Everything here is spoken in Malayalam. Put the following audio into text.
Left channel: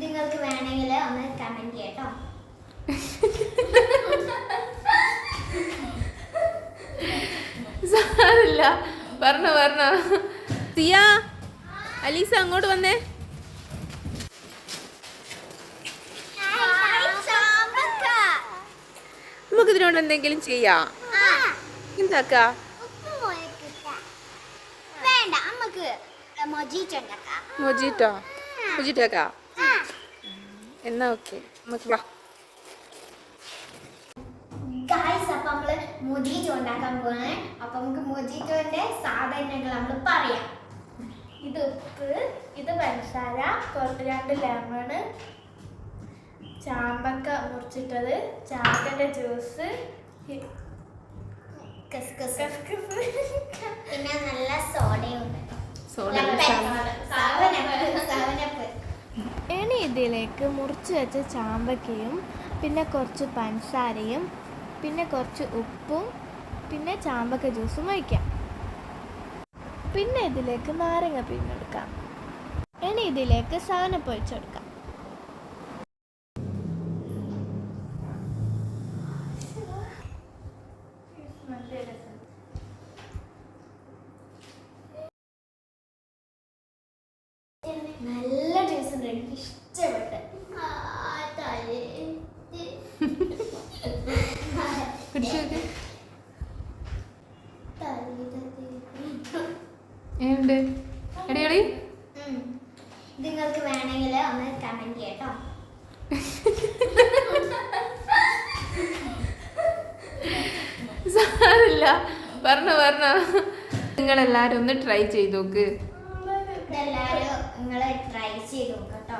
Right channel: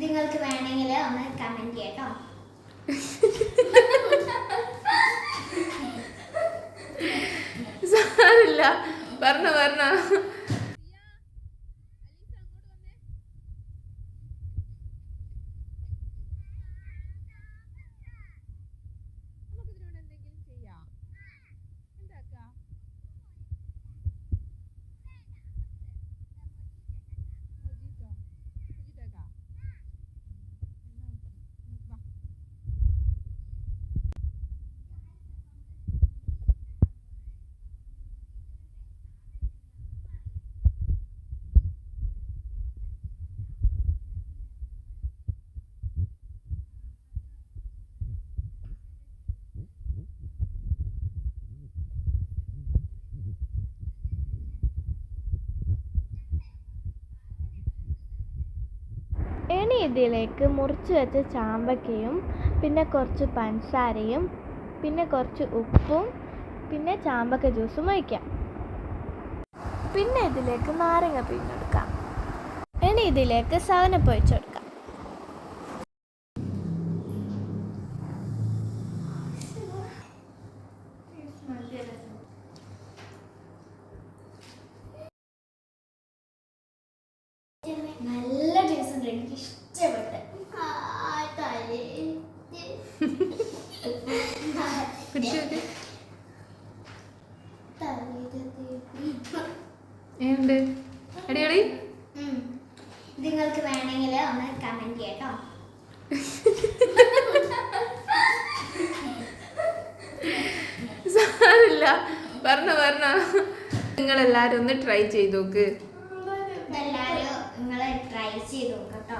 നിങ്ങൾക്ക് വേണമെങ്കിൽ ഒന്ന് കമന്റ് ചെയ്യട്ടോ. സാരില്ല, പറഞ്ഞ സിയ, അലീസ അങ്ങോട്ട് വന്നേ. നമുക്ക് ഇതിനോട് എന്തെങ്കിലും ചെയ്യാം. എന്താക്കാ? മൊജിറ്റോ മൊജിറ്റോക്കാ എന്നാ ഓക്കെ, നമുക്ക് വാ. ഗായ്സ്, അപ്പൊ നമ്മള് മൊജിറ്റോ ഉണ്ടാക്കാൻ പോവാണ്. അപ്പൊ നമുക്ക് മൊജിറ്റോന്റെ സാധനങ്ങൾ നമ്മൾ പറയാം. ഇത് ഉപ്പ്, ഇത് പഞ്ചസാര, 2 ലെമണ്, ചാമ്പക്ക മുറിച്ചിട്ടത്, ചാമ്പക്കന്റെ ജ്യൂസ്, പിന്നെ നല്ല സോഡയുണ്ട്. ഇനി ഇതിലേക്ക് മുറിച്ച് വെച്ച ചാമ്പക്കയും പിന്നെ കുറച്ച് പഞ്ചസാരയും പിന്നെ കുറച്ച് ഉപ്പും പിന്നെ ചാമ്പക്ക ജ്യൂസും ഒഴിക്കാം. പിന്നെ ഇതിലേക്ക് നാരങ്ങ പിഴിഞ്ഞെടുക്കാം. ഇനി ഇതിലേക്ക് സവനപ്പ് ഒഴിച്ചെടുക്കാം. നല്ല ജ്യൂസ് ഉണ്ട്, എനിക്ക് ഇഷ്ടപ്പെട്ട്. ഏണ്ട് അടിപൊളി. നിങ്ങൾക്ക് വേണമെങ്കിൽ ഒന്ന് കമന്റ് ചെയ്യട്ടോ. സാരില്ല, പറഞ്ഞ നിങ്ങളെല്ലാരും ഒന്ന് ട്രൈ ചെയ്ത് നോക്ക്. എല്ലാരും നിങ്ങളെ ട്രൈ ചെയ്ത് നോക്കട്ടോ.